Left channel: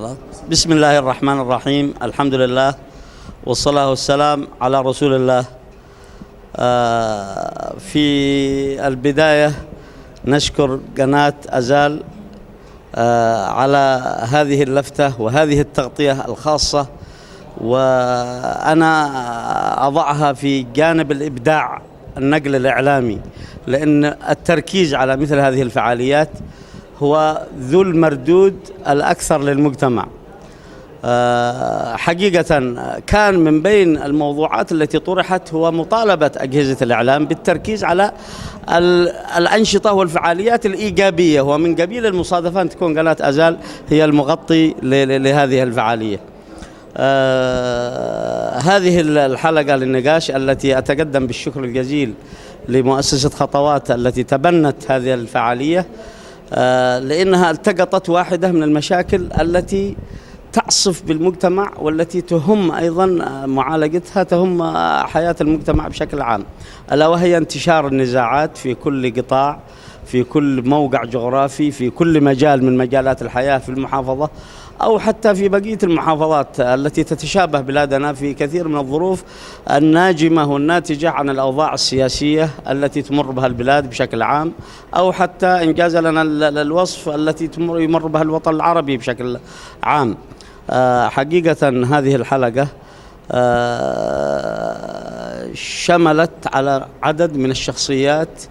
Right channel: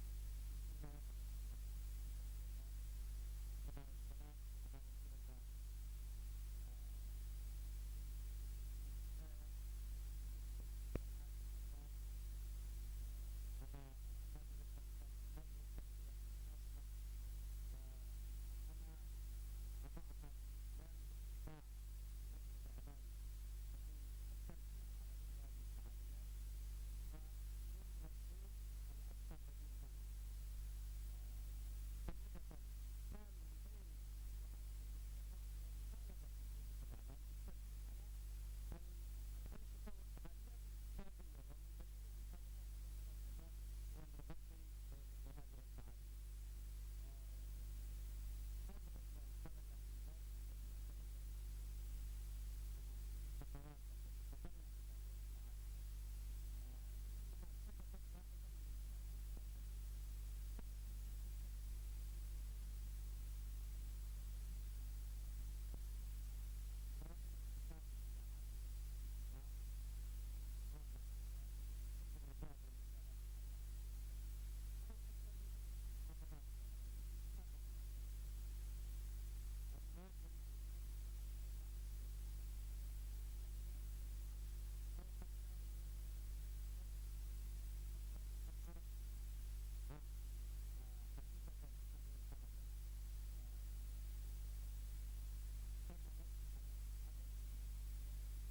خلاص. بسم الله الرحمن الرحيم، الحمد لله والصلاة والسلام على رسول الله. في البداية نشكر قناة أزال على هذه اللفتة وهذه التغطية الخاصة، وأنا أضعها في جانب الإبداع النقل الإعلامي، لأن التركيز على مثل هذه الفعاليات هو ذو المردود الأكثر للمجتمع. حقيقة كان من بين الموضوعات التي طرحت هو مطالبة أجهزة الإعلام بالتركيز على الأنشطة والفعاليات الإيجابية، ومن قبيل المصادفة أن تكون قناة أزال هي المغطي لهذه الفعالية. هذه الحلقة للنقاش التي أتقدم بالشكر الجزيل لمؤسسة خطوات التي تبنت هذه الفعالية، لأنها التقطت واحدة من المشاكل التي تعصف بالمجتمع والتي تهم أيضا معالجتها، تهم حياة المجتمع بشكل عام، ألا وهي انتشار النزاعات في كل قطاع، في كل موقع جغرافي، في كل مجال من مجالات الحياة في المحافظة أو حتى في بقية المحافظات التي تتشابه بلادنا في كثير من الظروف الناجمة والناتجة عن الأوضاع السياسية التي تمر بها البلاد بشكل عام، أو حتى إنجاز لنا الوصف التي يمر بها الوطن العربي بشكل عام. حقيقة هذه الحلقة شملت على عدد من الشخصيات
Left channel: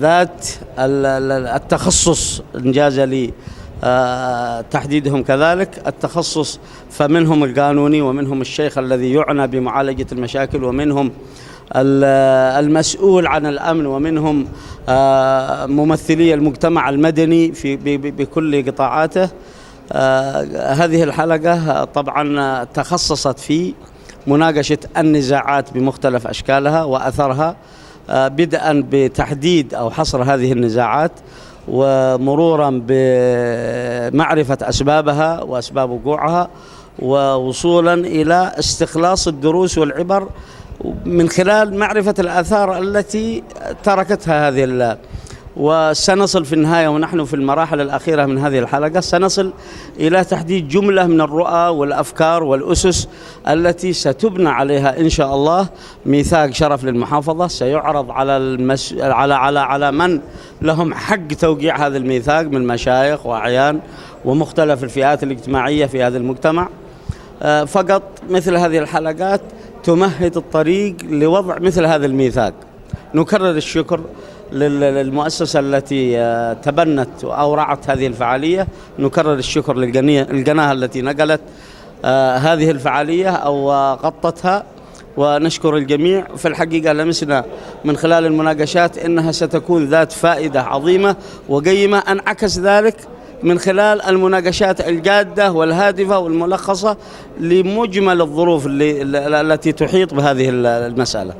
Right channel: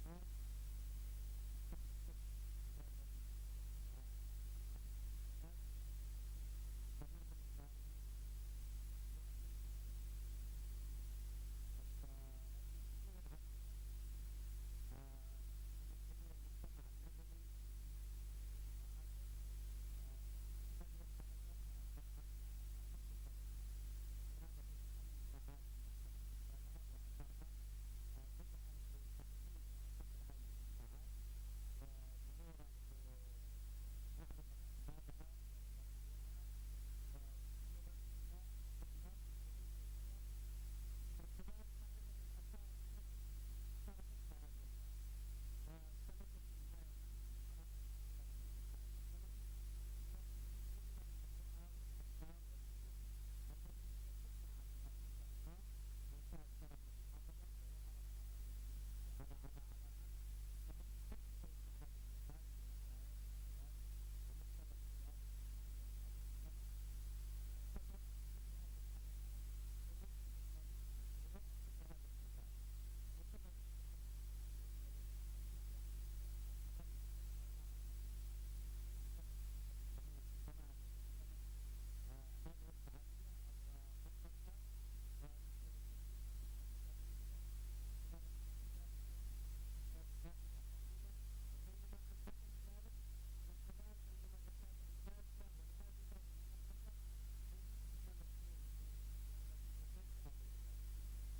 ذات التخصص، إنجاز لي تحديدهم كذلك التخصص، فمنهم القانوني، ومنهم الشيخ الذي يعنى بمعالجة المشاكل، ومنهم المسؤول عن الأمن، ومنهم ممثلي المجتمع المدني بكل قطاعاته. هذه الحلقة طبعا تخصصت في مناقشة النزاعات بمختلف أشكالها وأثرها، بدءا بتحديد أو حصر هذه النزاعات، ومرورا بمعرفة أسبابها وأسباب وقوعها، ووصولا إلى استخلاص الدروس والعبر من خلال معرفة الآثار التي تركتها هذه. وسنصل في النهاية، ونحن في المراحل الأخيرة من هذه الحلقة، سنصل إلى تحديد جملة من الرؤى والأفكار والأسس التي ستبنى عليها إن شاء الله ميثاق شرف للمحافظة، سيعرض على من لهم حق توقيع هذا الميثاق من مشايخ وأعيان ومختلف الفئات الاجتماعية في هذا المجتمع. فقط مثل هذه الحلقات تمهد الطريق لوضع مثل هذا الميثاق. نكرر الشكر للمؤسسة التي تبنت أو رعت هذه الفعالية، نكرر الشكر للقناة التي نقلت هذه الفعالية أو غطتها، ونشكر الجميع. في الحقيقة لمسنا من خلال المناقشات أنها ستكون ذات فائدة عظيمة وقيمة، انعكس ذلك من خلال المناقشات الجادة والهادفة والملخصة لمجمل الظروف التي تحيط بهذه المسألة.